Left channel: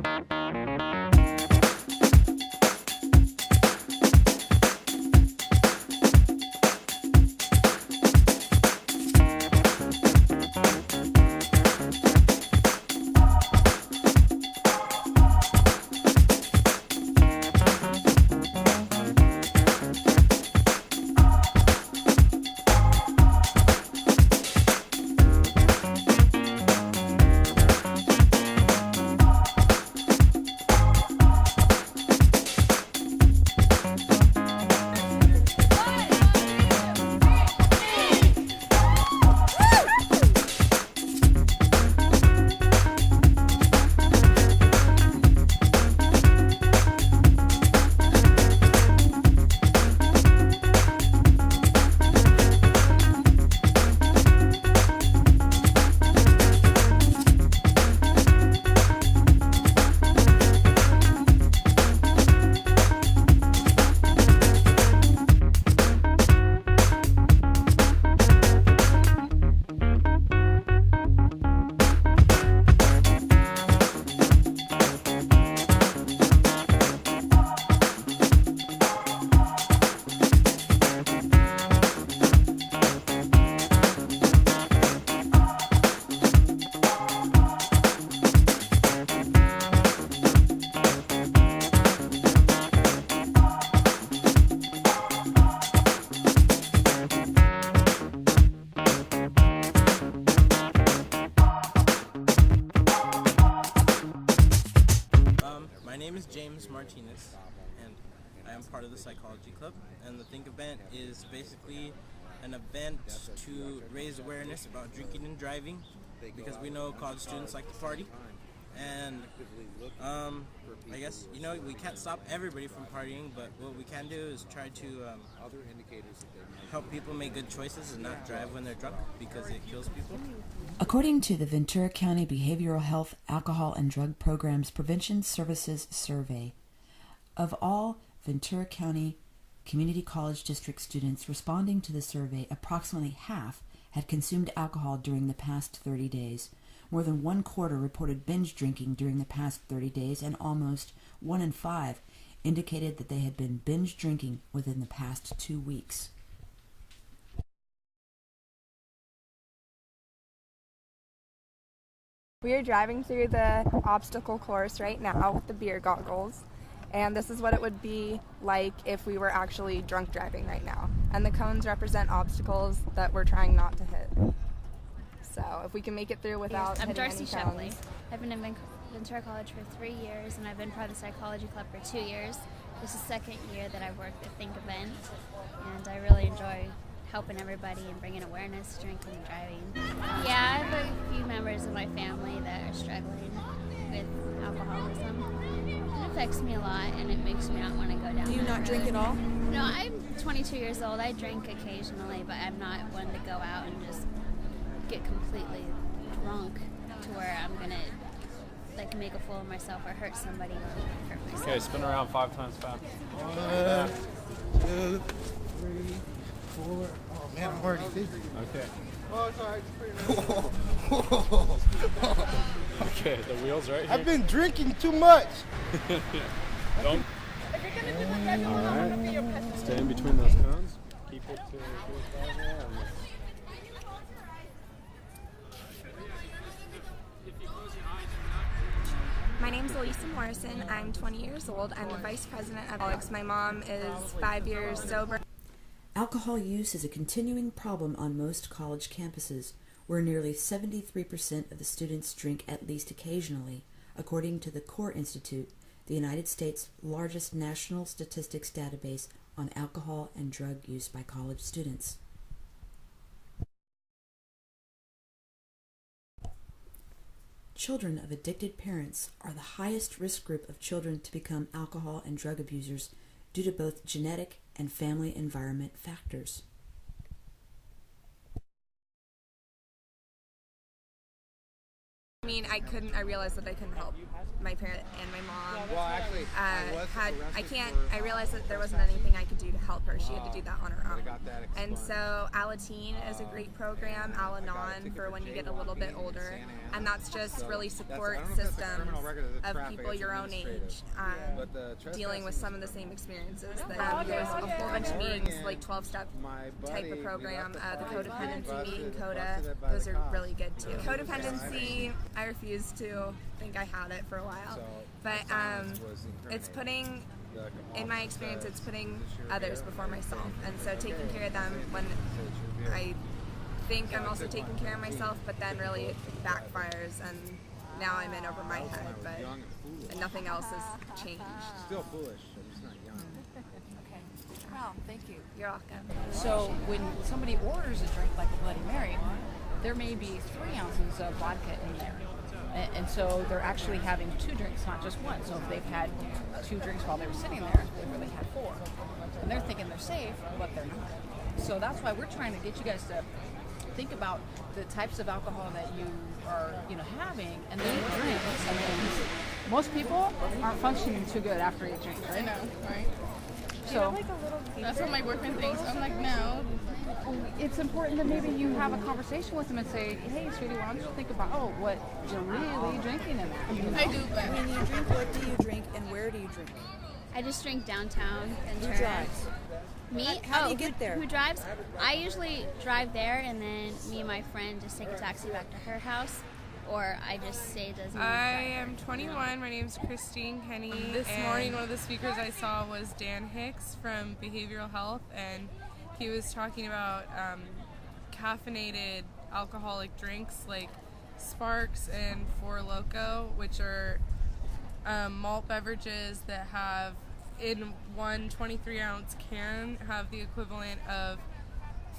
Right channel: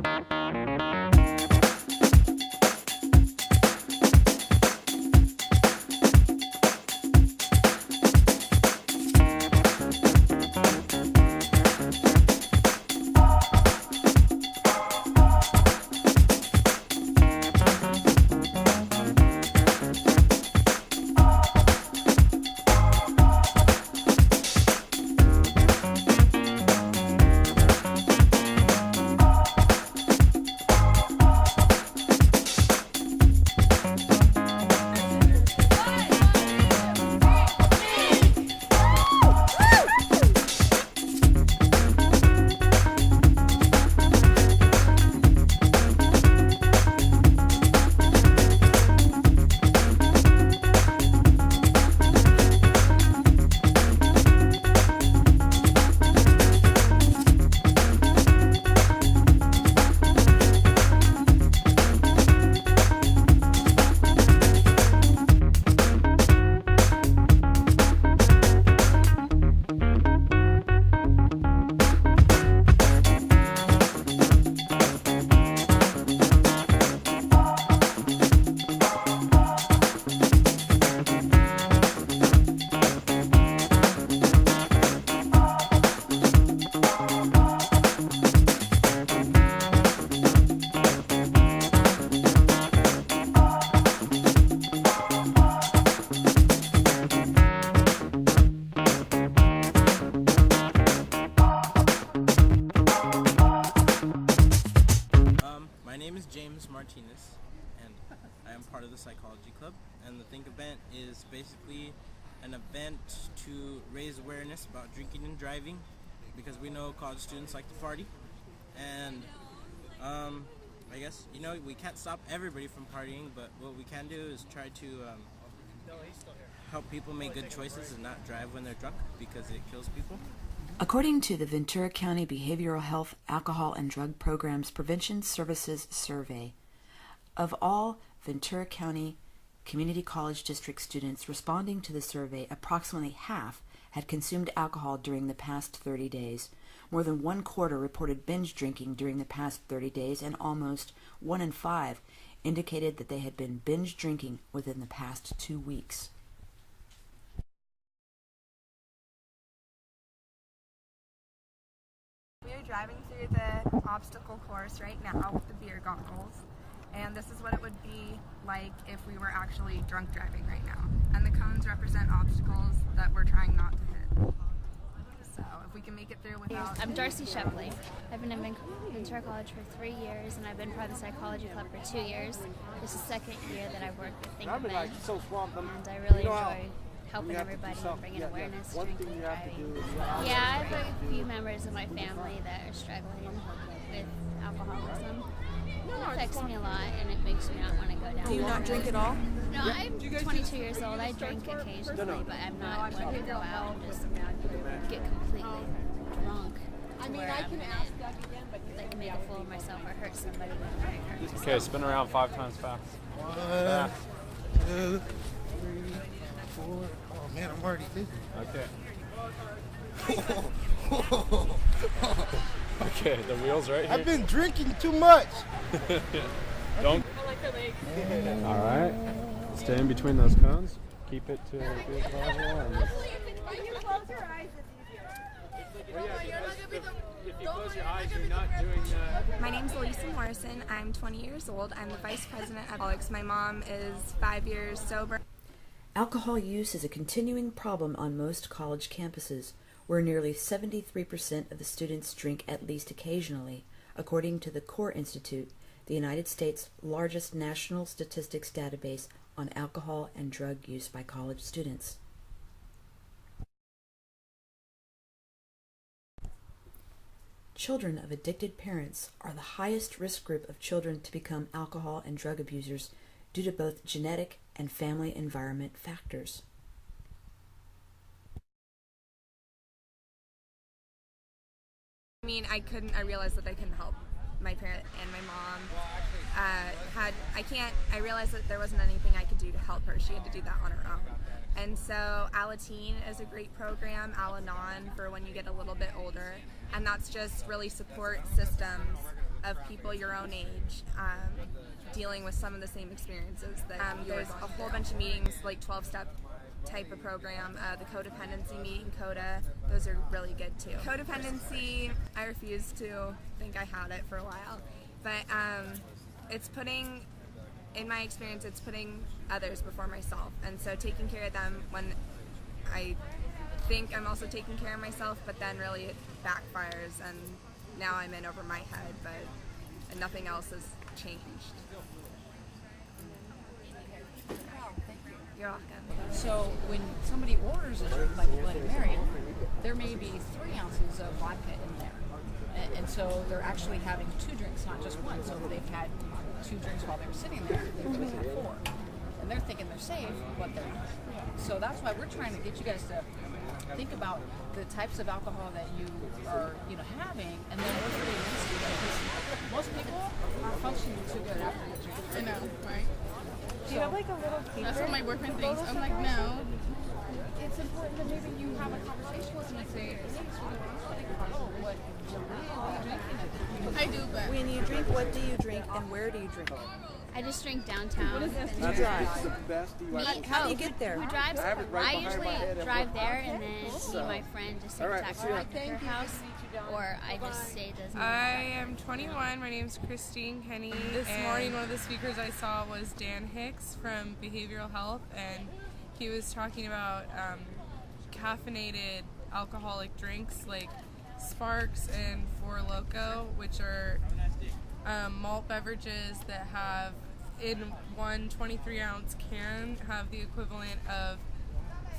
My name is James Martinez, and I am part of the Psychology Club. And the THINK Event is basically an event to raise awareness about drinking and driving, because we know college students like to party. And I guess, we can't stop everybody from partying, but what we can do is try to help people make good choices and not drive when they're drunk, because it kills people. According to the Ventura County Behavioral Health, Alcohol, and Drug Programs Prevention Services Survey, of all Ventura County Community College District students responding to the survey, approximately half had consumed alcohol during the past 30 days. More than 1/4 reported binge drinking during the past 30 days, and almost 1 in 5 indicated that they had been binge drinking within the past 2 weeks. We are driving through the obstacle course right now with the beer goggles, and this is what it would be like if we were actually drunk driving right now. And the cones represent obstacles that we're trying not to hit. So if we can make it through without I'm Darcy hitting any Shepley. cones. I've been in Ventura College for 3 years, and I've been part of the Psychology Club for 2 years. This is the second year that I've worked with THINK Event, and I really enjoy helping everybody and bringing awareness to drinking and driving. Yeah, I have a few members of my family that are struggling with alcoholism. It affects me a lot, and it makes me not want to go down. Do you that not drink road. at all? No, I'm 22 years old. I drink occasionally, but I'm not one to go out and just get completely drunk to where I'm gonna make a fool of myself or hurt somebody when I hurt myself. Okay, spin around 5 times fast. 1, 2, 3, 4. Oh man, I'm already dizzy. Okay. Okay, the wheel's right here. I've been drinking too much. Don't. All right. Stay in between those cones. Keep it to good level. And My name's Elisa Morrison. I'm 20 years old. I'm the vice president of Alex. My mom is 5 years sober. Alcohol use is a continuing problem on most college campuses, where nearly 73% of the students drink at least occasionally, according to the Core Institute, the United States' largest national statistics database on alcohol and drug use by college students. Children of addicted parents are the highest risk group of children to become alcohol and drug abusers due to both genetic and family environment factors. I realized that I couldn't help. my parent and my mom I realized that there wasn't anything I could do to help her. She had to do that on her own. And so Alateen is a great program, Al-Anon, for when you get a little bit older, and that's just really support systems of people your own age dealing with some of the same experiences. There's a whole bunch of meetings, like 12-step type of program, the codependency meeting, CODA, those are really good too. Codependency, I refuse to think I had it for a while, but it's putting, in my experience, it's putting others before myself, and so taking care of them when I think I'm also taking care of myself, but then really it backfires, and now I'm in over my head, but nothing else has changed. Still foolish. Oh, thank you. You're welcome. So when somebody orders a drink like a Bloody Mary, there may be 3 ounces of vodka in there. And so they're actually having 2 drinks, not just one. So if they've had 2 drinks while they were sitting there, they really had 4. And they're thinking they're safe, but they're not. So that's why we're trying to get you guys to think about the types of alcohol that you are, having, and then what drinks. Most people aren't functioning too good after you drink. Right? I know, right? Do you have like a little paper? That's what my boyfriend thinks. I'm like, no. It's important that maybe you have a conversation with him and say, hey, sweetie, why don't you think about, what you're really drinking in there? I do, but When you drink, what do you drink and where do you drink? I just drink downtown. Ventura. Who drives? Me? How do you get there? Who drives? I usually drive there, and then me and my friend just take a taxi back to her house, or I just stay doesn't. I am 21. My name's Christine Kenny. This morning, one of the speakers I saw was Dan Hicks from Behavioral Health, and he was talking about caffeinated alcoholic drinks like Sparks and Four Loko, which are malt beverages that have, in one 23-ounce can, have the equivalent of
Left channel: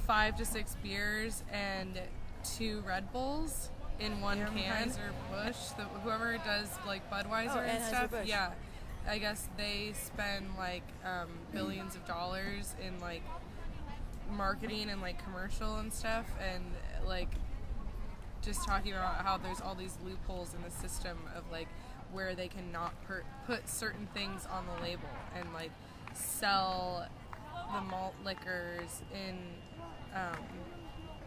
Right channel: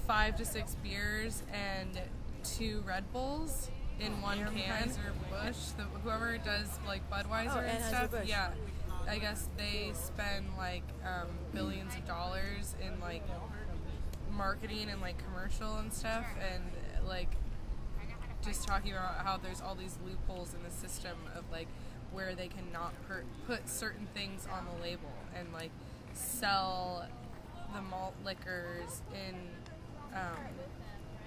5 to 6 beers and 2 Red Bulls in one can. Busch, whoever does like Budweiser and stuff, yeah, I guess they spend like billions of dollars in like marketing and like commercial and stuff, and like just talking about how there's all these loopholes in the system of like where they cannot put certain things on the label and like sell the malt liquors in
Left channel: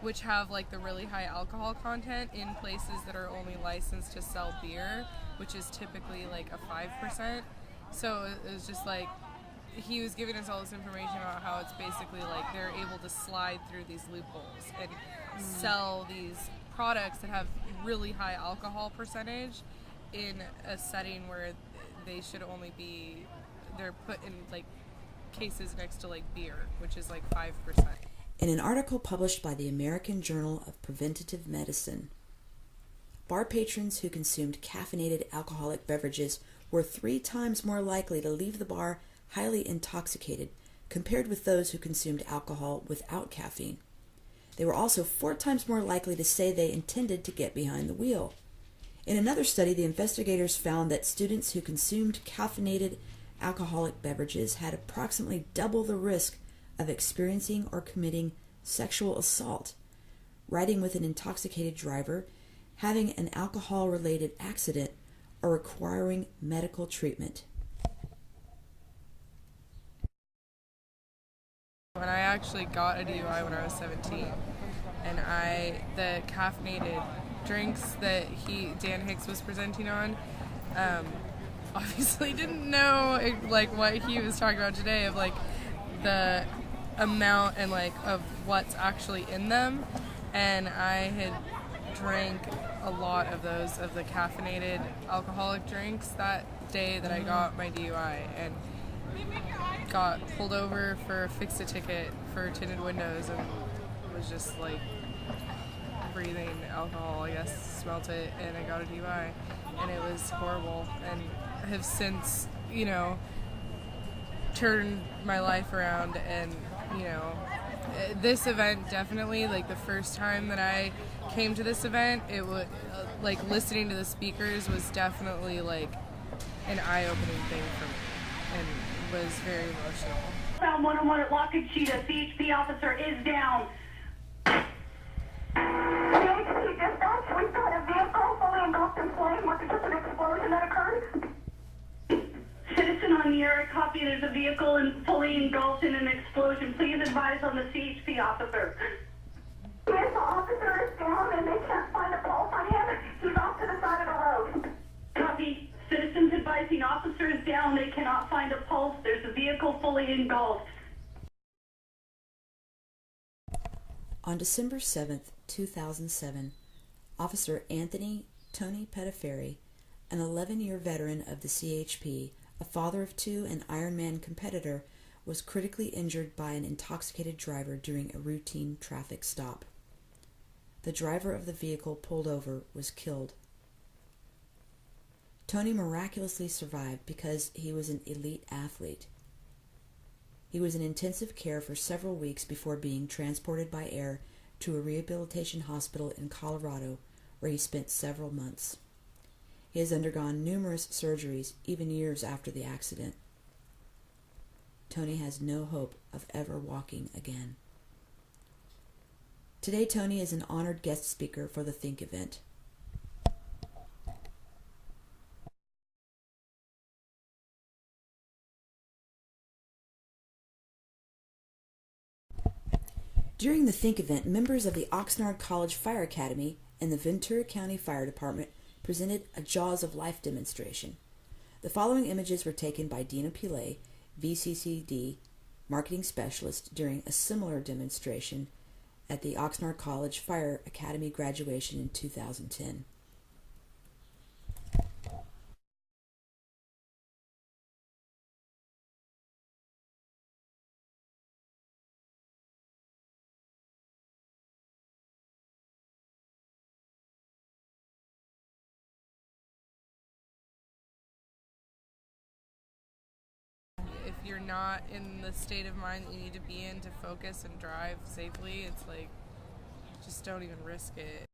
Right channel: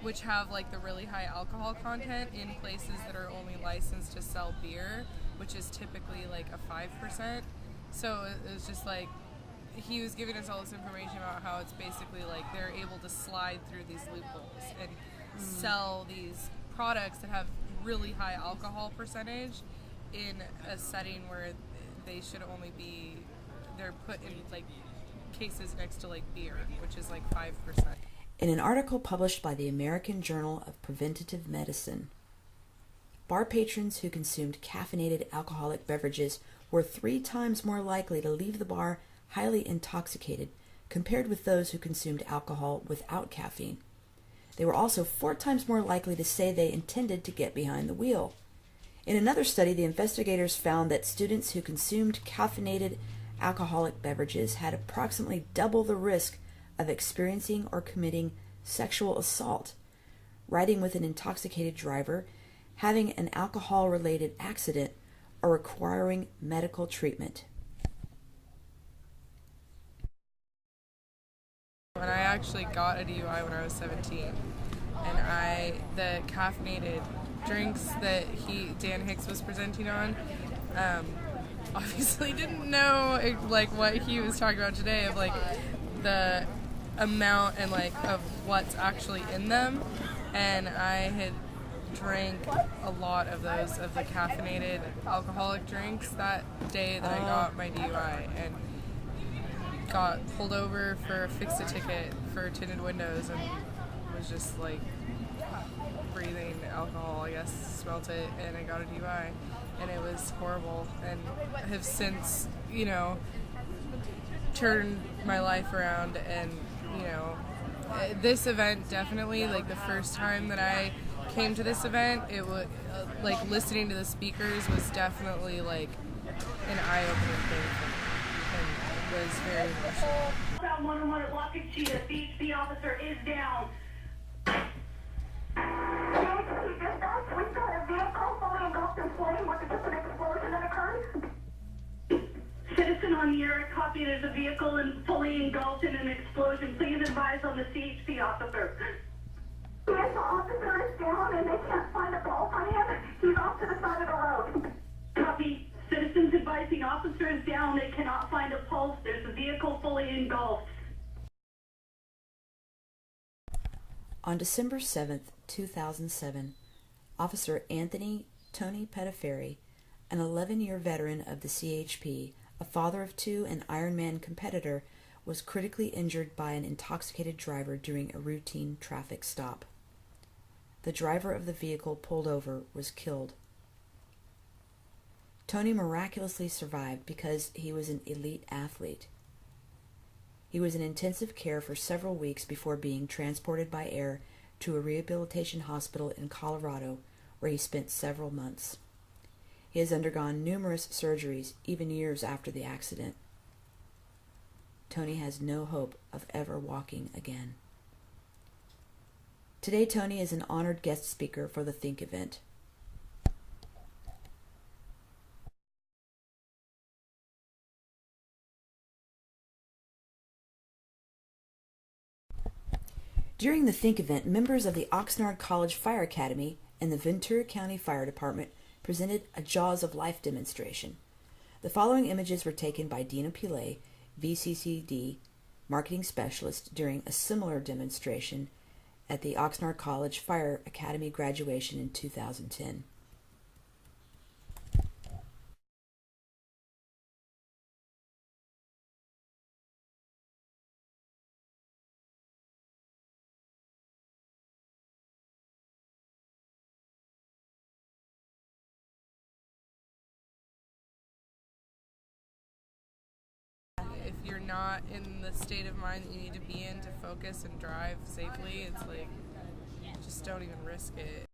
which have like the really high alcohol content in places that are only licensed to sell beer, which is typically like a 5%. So it was just like he was giving us all this information about how it's basically like they're able to slide through these loopholes and sell these products that have really high alcohol percentage in a setting where they should only be, they're put in like cases next to like beer, which is like 5%. In an article published by the American Journal of Preventative Medicine, bar patrons who consumed caffeinated alcoholic beverages were 3 times more likely to leave the bar highly intoxicated compared with those who consumed alcohol without caffeine. They were also 4 times more likely to say they intended to get behind the wheel. In another study, the investigators found that students who consumed caffeinated alcoholic beverages had approximately double the risk of experiencing or committing sexual assault, riding with an intoxicated driver, having an alcohol-related accident, or requiring medical treatment. When I actually got a DUI when I was 17, and the caffeinated drinks that Dan Hicks was presenting on, obviously didn't know like what he was talking about today of like the amount and like of what's actually in them, and I had drank a lot of those of the caffeinated alcoholic drinks that day that I got my DUI, and got pulled over for a fix-a-ticket for tinted windows and was just like breathing alcohol, I guess, smelt it, and I got a DUI, and it was horrible, and have since, turned my life around, and, this event definitely, like the first time that I came to this event, it was, like listening to the speakers was definitely like an eye-opening thing for me, and was very emotional. Found 101 at Waukeechee. A CHP officer is down. CHP dispatch, we've got a vehicle fully engulfed in flame with just an explosion that occurred. there's a vehicle fully engulfed in an explosion. Please advise on the CHP officer. Yes, the officer is down and they can't find a pulse on him. He's off to the side of the road. Copy. Citizens advising officer is down. They cannot find a pulse. There's a vehicle fully engulfed. On December 7th, 2007, Officer Anthony Tony Pettiferi, an 11-year veteran of the CHP, a father of two and Ironman competitor, was critically injured by an intoxicated driver during a routine traffic stop. The driver of the vehicle pulled over was killed. Tony miraculously survived because he was an elite athlete. He was in intensive care for several weeks before being transported by air to a rehabilitation hospital in Colorado, where he spent several months. He has undergone numerous surgeries, even years after the accident. Tony has no hope of ever walking again. Today, Tony is an honored guest speaker for the THINK event. During the THINK event, members of the Oxnard College Fire Academy and the Ventura County Fire Department presented a Jaws of Life demonstration. The following images were taken by Dina Pillay, VCCD marketing specialist, during a similar demonstration at the Oxnard College Fire Academy graduation in 2010. If you're not in the state of mind that you need to be in to focus and drive safely, it's like, just don't even risk it.